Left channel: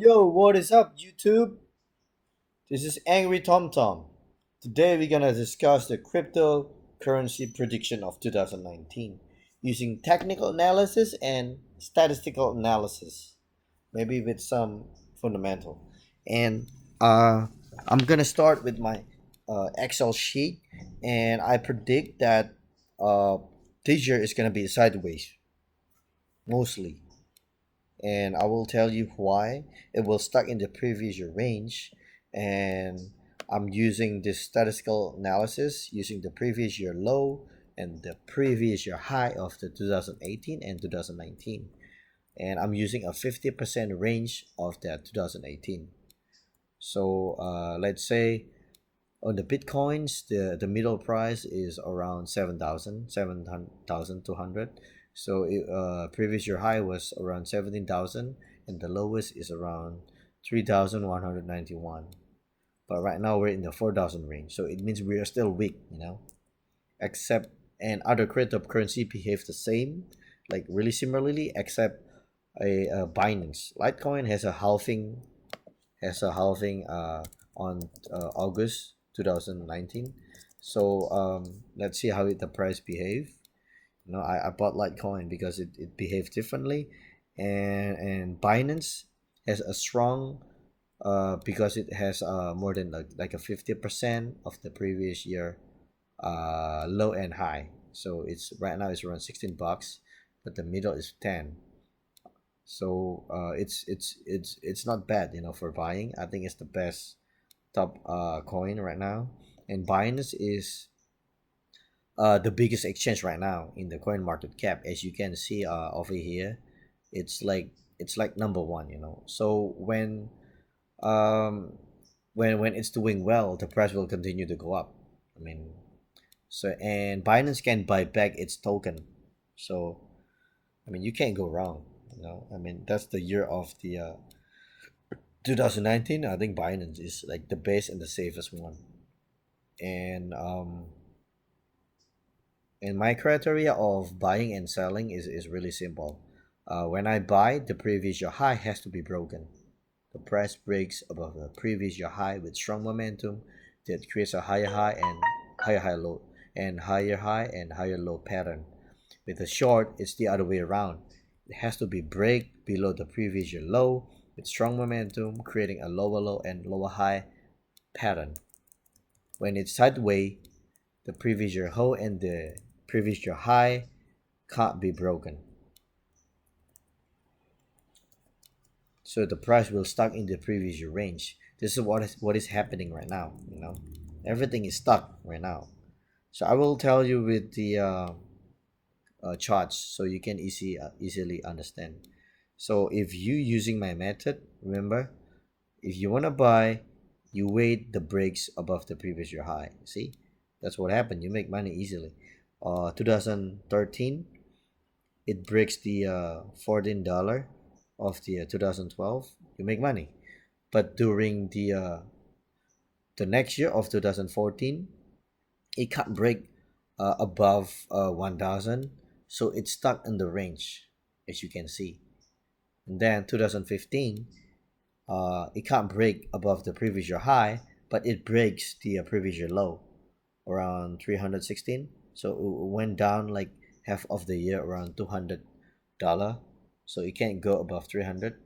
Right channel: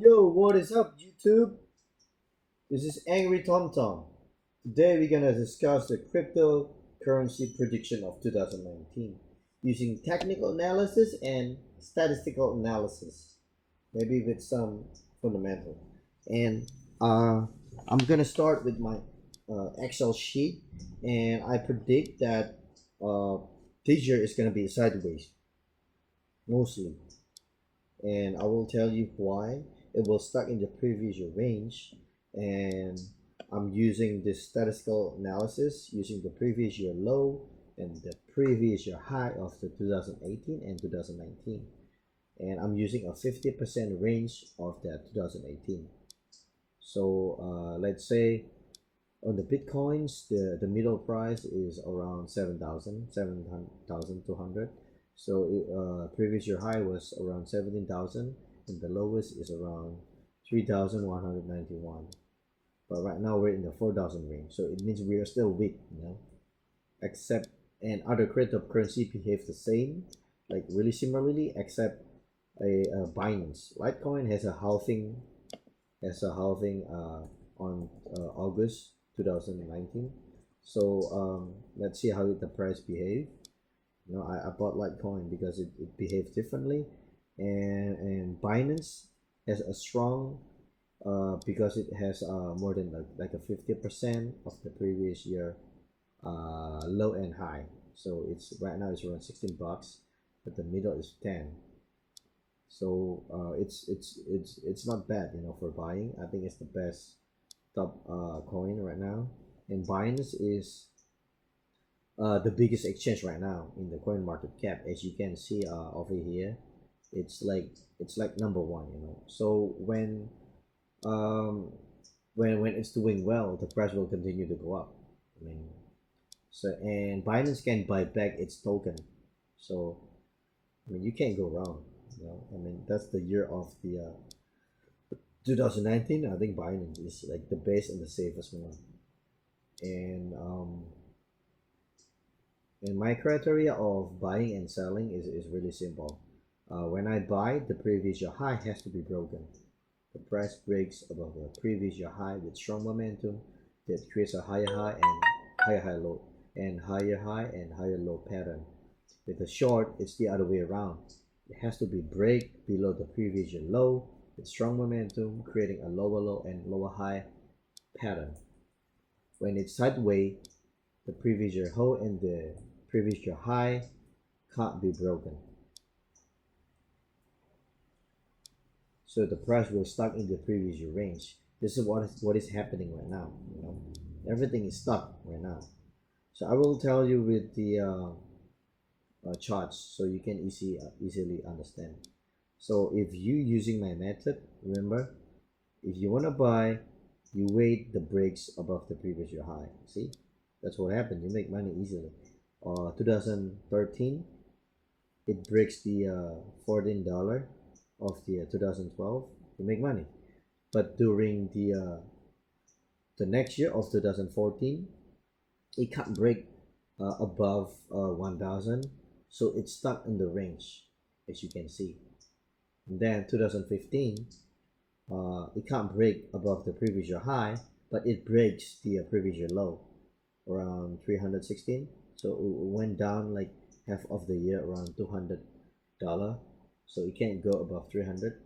Yo, what is up, YouTube? This is Angry Tom Tom. Today we're gonna discuss the cryptocurrency prediction of 2019 using technical analysis and statistical analysis, maybe with some fundamental. And I'm gonna start with my Excel sheet, and I predict that uh, this year is gonna be sideways mostly, and I will tell you why. It will stuck in the previous year range, and I'm using this statistical analysis using the previous year low and the previous year high of the 2018 and 2019, and I'm using a 50% range of that 2018. So let's say on the bitcoins, the middle price is around 7,200. So previous year high was around 17,000, and the lowest is around 3,191. But right now we're in the 4,000 range, so it means we are still weak, except, and other cryptocurrency behave the same, like really similarly, except a Binance LITECOIN has a halving, on August 2019. So let's see how the price behave. I bought Litecoin because it behaved differently, and Binance has a strong, because it has more than like a 50% of the previous year low and high. So it's right now it's around 16 bucks, but the middle is 10. So it's not bad, for buying. I think it's the best top coin right now, and Binance is the biggest exchange right now in the coin market cap. As you can see over here, it's like number one. So um when it's doing well, the price will continue to go up. I mean, so, and Binance can buy back its token, so I mean you can't go wrong. I mean that's the year of the 2019. I think Binance is like the best and the safest one, and my criteria of buying and selling is really simple. When I buy, the previous year high has to be broken. The price breaks above the previous year high with strong momentum that creates a higher high and higher high low, and higher high and higher low pattern. With the short, it's the other way around. It has to be break below the previous year low with strong momentum, creating a lower low and lower high pattern. When it's sideways, the previous year low and the previous year high can't be broken. So the price will stuck in the previous year range. This is what is happening right now. Everything is stuck right now. So I will tell you with the charts so you can easily understand. So if you using my method, remember, if you want to buy, you wait the breaks above the previous year high. See, that's what happened. You make money easily. 2013, it breaks the $14 of the 2012. You make money. But during the next year of 2014, it can't break above 1,000, so it's stuck in the range, as you can see. And then 2015, it can't break above the previous year high, but it breaks the previous year low around 316. So it went down like half of the year, around $200. So it can't go above 300.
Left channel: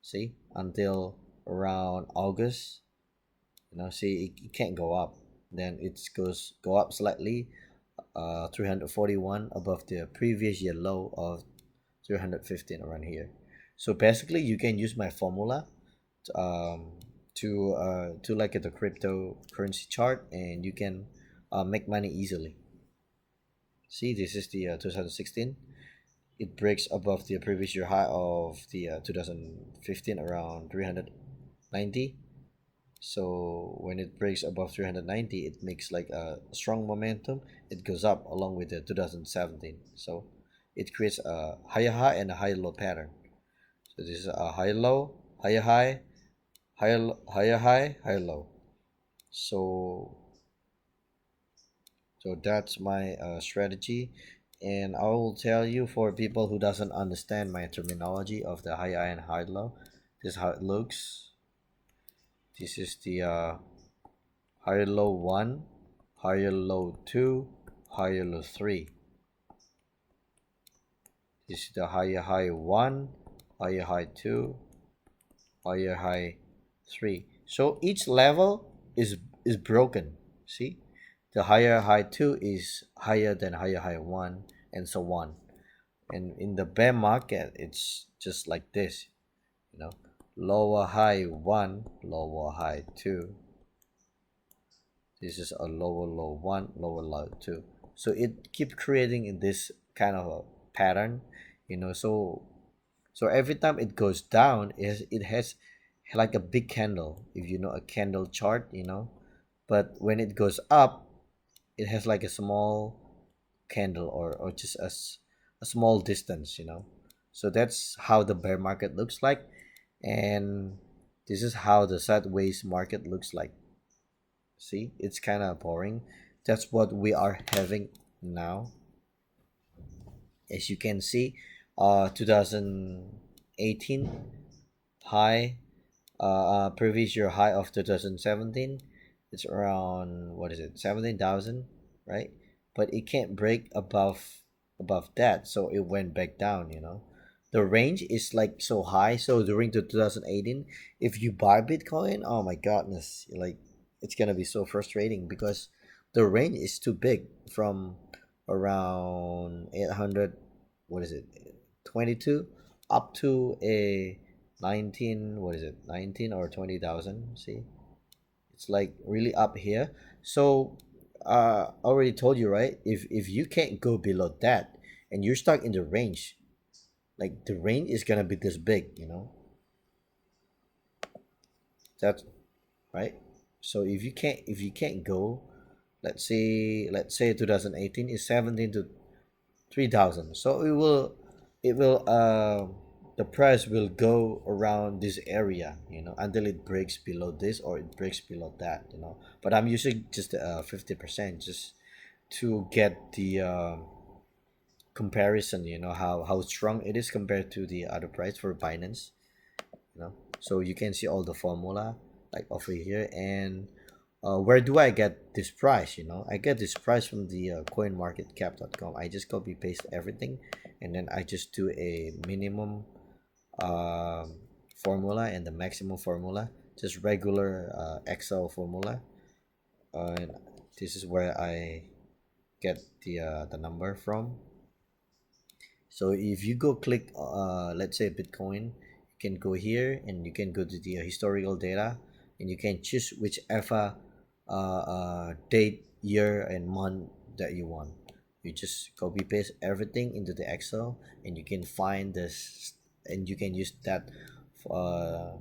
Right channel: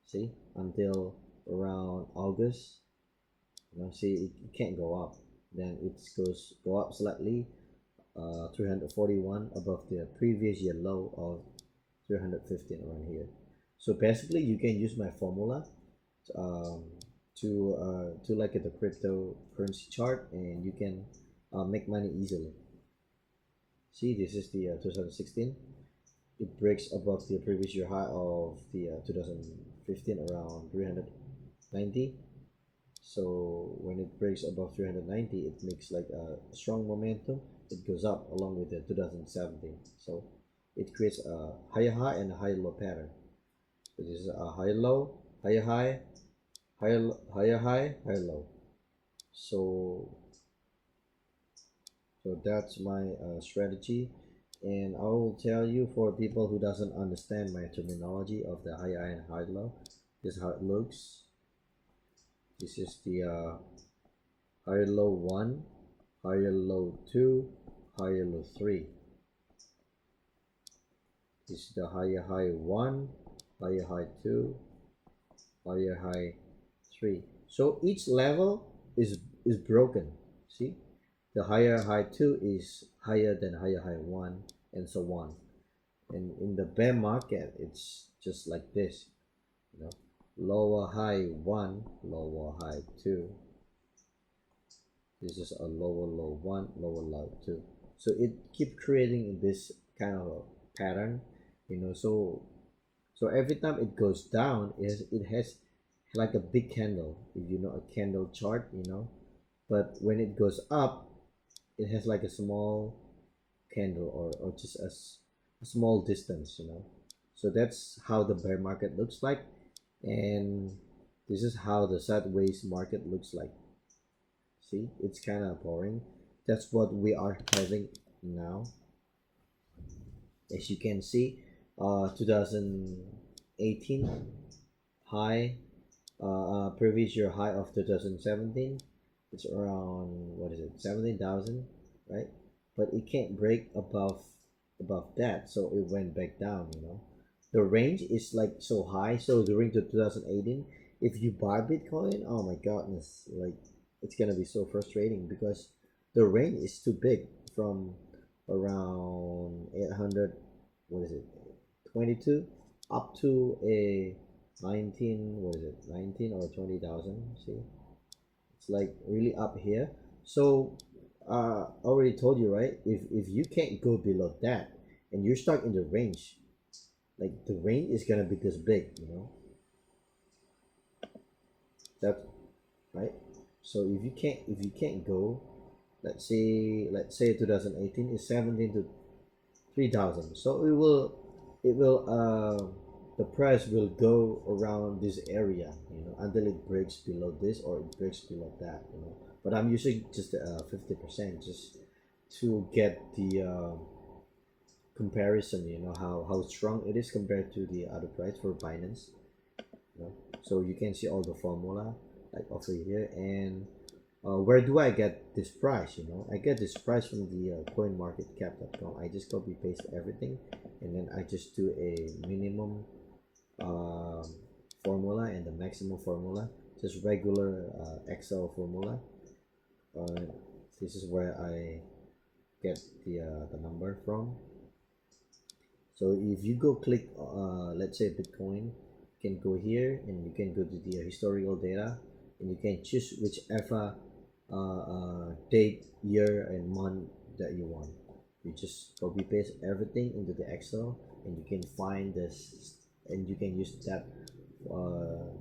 See, until around August. See, it can't go up. Then it goes go up slightly, 341 above the previous year low of 315 around here. So basically, you can use my formula to like the cryptocurrency chart, and you can make money easily. See, this is the 2016. It breaks above the previous year high of the 2015 around 390. So when it breaks above 390, it makes like a strong momentum. It goes up along with the 2017. So it creates a higher high and a higher low pattern. So this is a higher low, higher high, higher high, higher low. So that's my strategy, and I will tell you, for people who doesn't understand my terminology of the high high and high low, This is how it looks. This is the higher low 1, higher low 2, higher low 3. This is the higher high 1, higher high 2, higher high 3. So each level is broken. See, the higher high 2 is higher than higher high 1, and so on. And in the bear market, it's just like this, you know, lower high 1, lower high 2. This is a lower low 1, lower low 2. So it keep creating in this kind of a pattern, you know. So every time it goes down, it has like a big candle, if you know a candle chart, you know. But when it goes up, it has like a small candle, or just a small distance, you know. So that's how the bear market looks like, and this is how the sideways market looks like. See, it's kind of boring. That's what we are having now. As you can see, 2018 high, previous year high of 2017, it's around, what is it, 17,000, right? But it can't break above that, so it went back down, you know. The range is like so high, so during the 2018, if you buy Bitcoin, oh my goodness, like it's gonna be so frustrating because the range is too big, from around 800, what is it, 22, up to a 19, what is it, 19 or 20,000. See, it's like really up here. So I already told you, right, if you can't go below that and you're stuck in the range, like the range is gonna be this big, you know. That's right. So if you can't go, let's say 2018 is 17 to 3,000, so it will the price will go around this area, you know, until it breaks below this or it breaks below that, you know. But I'm using just 50% just to get the comparison, you know, how strong it is compared to the other price for Binance, you know. So you can see all the formula like over here. And where do I get this price? You know, I get this price from the coinmarketcap.com. I just copy paste everything, and then I just do a minimum formula and the maximum formula, just regular Excel formula. And this is where I get the number from. So if you go click let's say Bitcoin, you can go here and you can go to the historical data, and you can choose whichever date, year, and month that you want. You just copy paste everything into the Excel, and you can find this, and you can use that uh,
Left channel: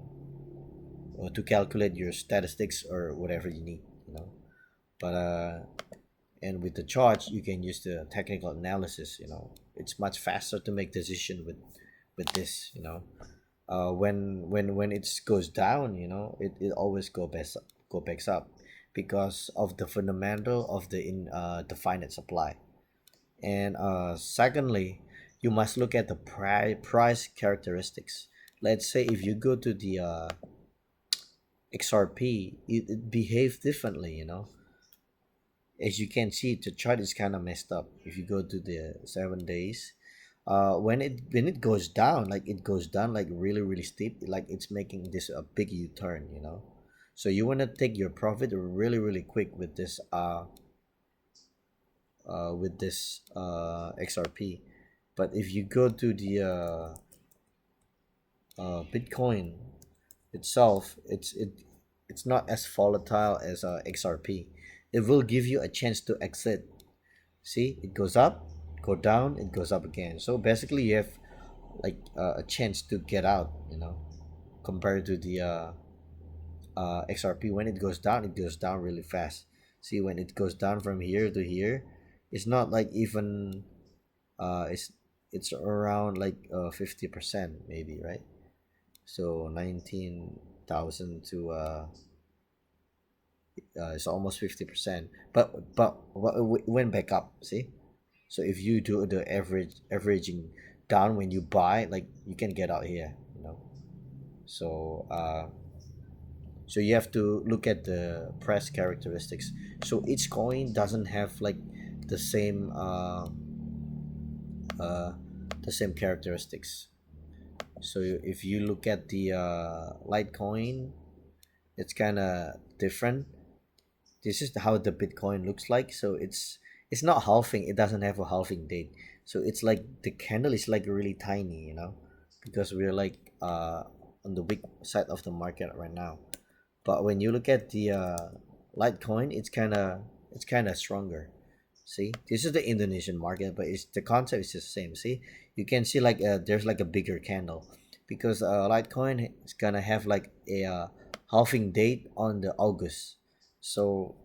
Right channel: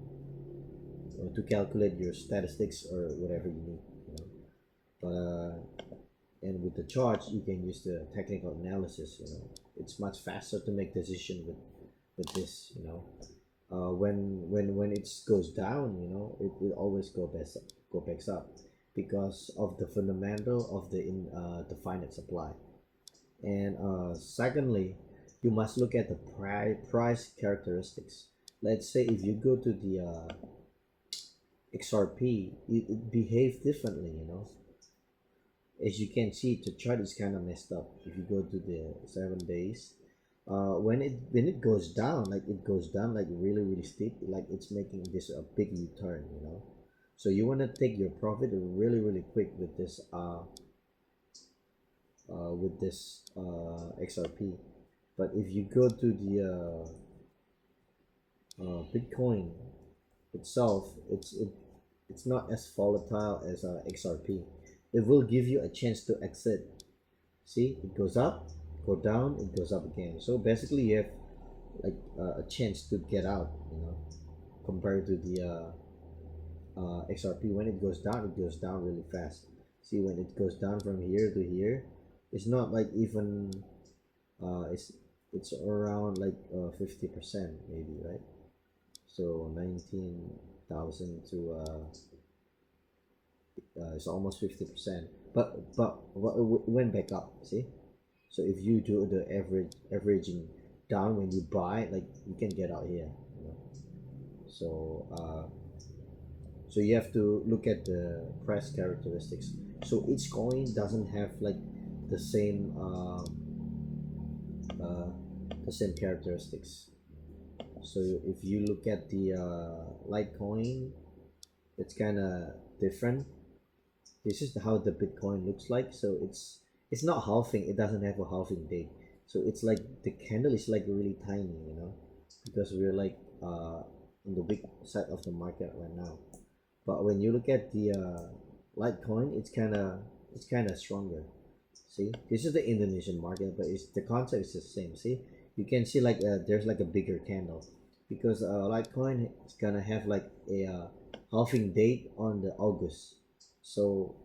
to calculate your statistics or whatever you need, you know. But and with the charts, you can use the technical analysis, you know. It's much faster to make decision with this, you know. When it goes down, you know, it always go back up because of the fundamental of the finite supply. And secondly, you must look at the price characteristics. Let's say if you go to the XRP, it behaves differently, you know. As you can see, the chart is kind of messed up. If you go to the 7 days, when it goes down, like it goes down like really steep, like it's making this a big U-turn, you know. So you want to take your profit really quick with this XRP. But if you go to the Bitcoin itself, it's not as volatile as XRP. It will give you a chance to exit. See, it goes up, go down, it goes up again. So basically you have like a chance to get out, you know, compared to the XRP. When it goes down really fast. See, when it goes down from here to here, it's not like even it's around like 50% maybe, right? So 19,000 to it's almost 50%, but it went back up. See, so if you do the averaging down when you buy, like you can get out here, you know. So you have to look at the price characteristics. So each coin doesn't have like the same uh, uh, the same characteristics. So if you look at the Litecoin, it's kind of different. This is how the Bitcoin looks like. So it's not halving. It doesn't have a halving date. So it's like the candle is like really tiny, because we're like on the weak side of the market right now. But when you look at the Litecoin, it's kind of stronger. See, this is the Indonesian market, but it's the concept is the same. See, you can see like there's like a bigger candle, because Litecoin is gonna have like a halving date on the August. So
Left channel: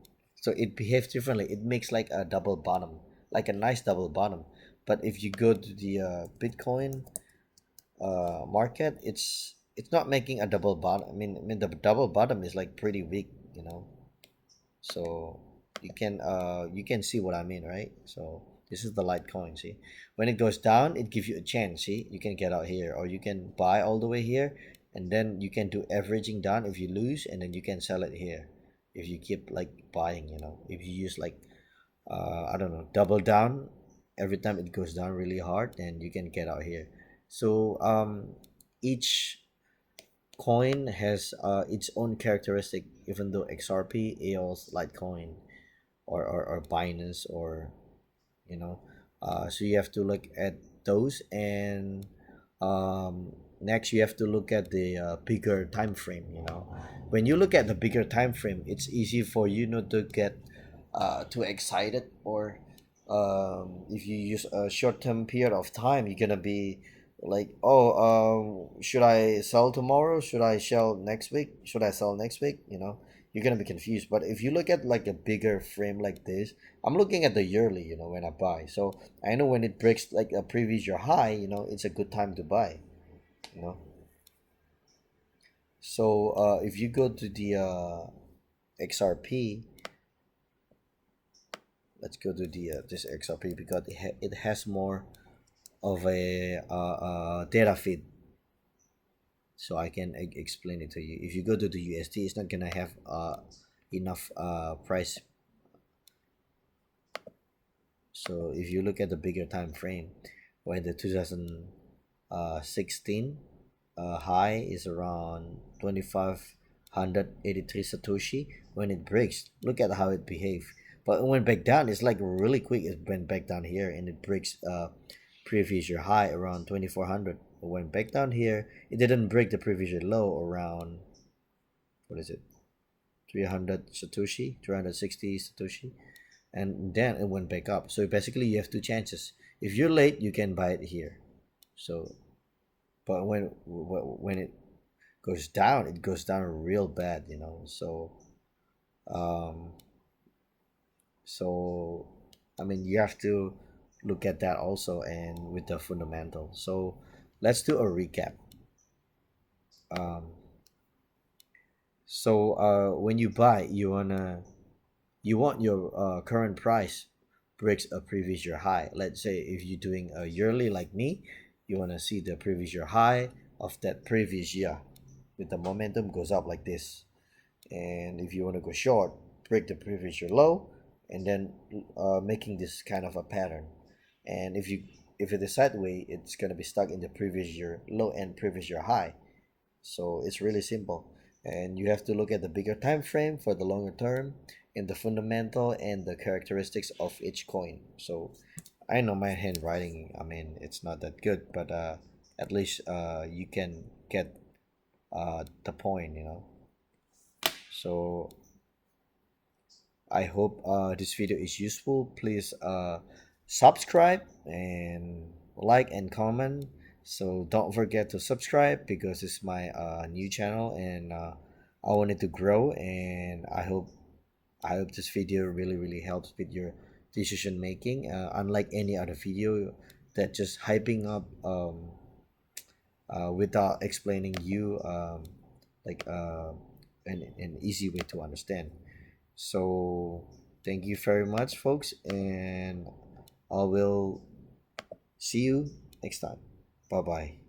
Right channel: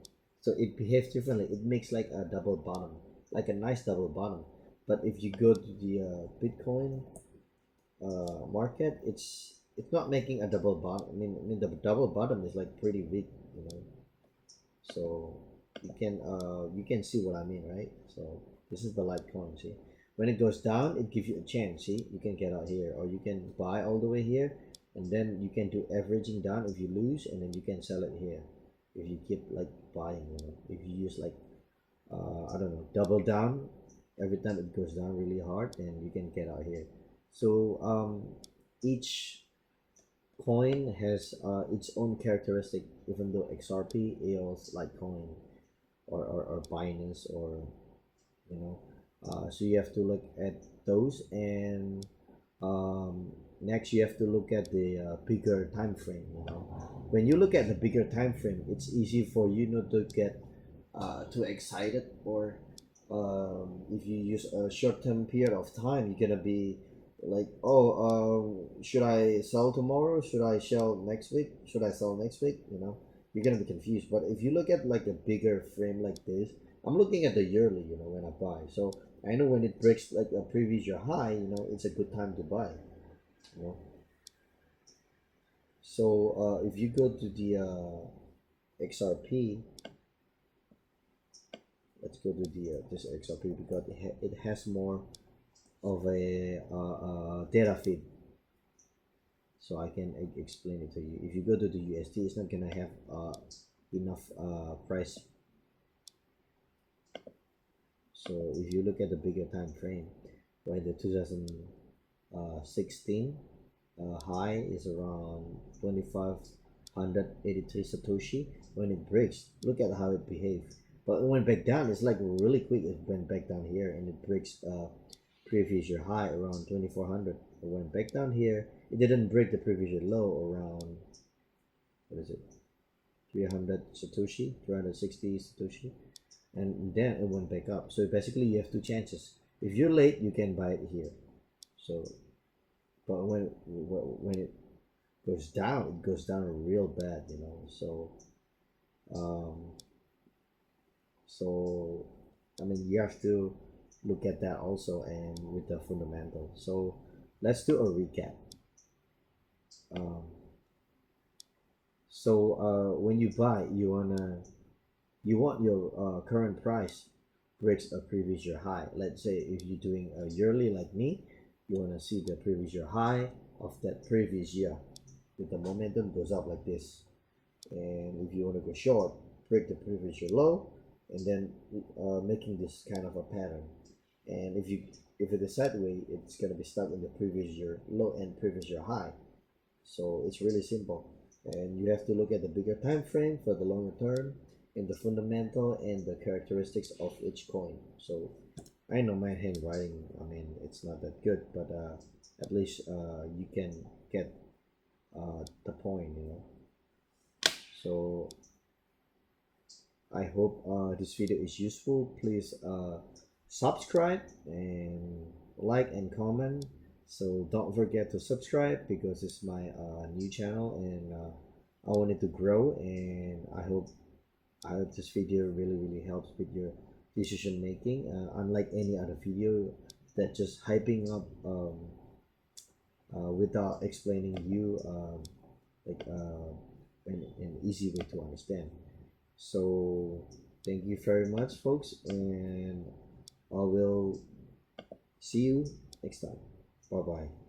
so it behaves differently. It makes like a double bottom, like a nice double bottom. But if you go to the Bitcoin market, it's not making a double bottom. I mean the double bottom is like pretty weak. So you can see what I mean, right? So this is the Litecoin. See, when it goes down, it gives you a chance. See, you can get out here, or you can buy all the way here, and then you can do averaging down if you lose, and then you can sell it here if you keep like buying. If you use like I don't know, double down every time it goes down really hard, and you can get out here. So each coin has its own characteristic, even though XRP, EOS, Litecoin, or Binance, or so you have to look at those. And next you have to look at the bigger time frame. When you look at the bigger time frame, it's easy for you not to get too excited, or if you use a short-term period of time, you're gonna be like, oh, should I sell tomorrow, should I sell next week, should I sell next week? You're gonna be confused. But if you look at like a bigger frame like this, I'm looking at the yearly, when I buy. So I know when it breaks like a previous year high, it's a good time to buy. you know so if you go to the XRP, let's go to the this XRP, because it has more of a data feed, so I can explain it to you. If you go to the USD, it's not gonna have enough price. So if you look at the bigger time frame, when the 2016 high is around 2583 Satoshi, when it breaks, look at how it behaves. But it went back down. It's like really quick. It went back down here, and it breaks previous year high around 2400. It went back down here. It didn't break the previous year low around, what is it, 300 Satoshi, 360 Satoshi, and then it went back up. So basically you have two chances. If you're late, you can buy it here. So but when it goes down, it goes down real bad. Um so I mean, you have to look at that also, and with the fundamental. So let's do a recap. um when you buy, you want your current price breaks a previous year high. Let's say if you're doing a yearly like me, you want to see the previous year high of that previous year with the momentum goes up like this. And if you want to go short, break the previous year low, and then making this kind of a pattern. And if it is sideways, it's going to be stuck in the previous year low and previous year high. So it's really simple, and you have to look at the bigger time frame for the longer term, and the fundamental and the characteristics of each coin. So I know my handwriting, I mean, it's not that good, but at least you can get the point. So I hope this video is useful. Please subscribe and like and comment. So don't forget to subscribe, because it's my new channel, and I want it to grow. And I hope this video really helps with your decision making. Unlike any other video that just hyping up without explaining you like an easy way to understand. So thank you very much, folks, and I will see you next time. Bye bye.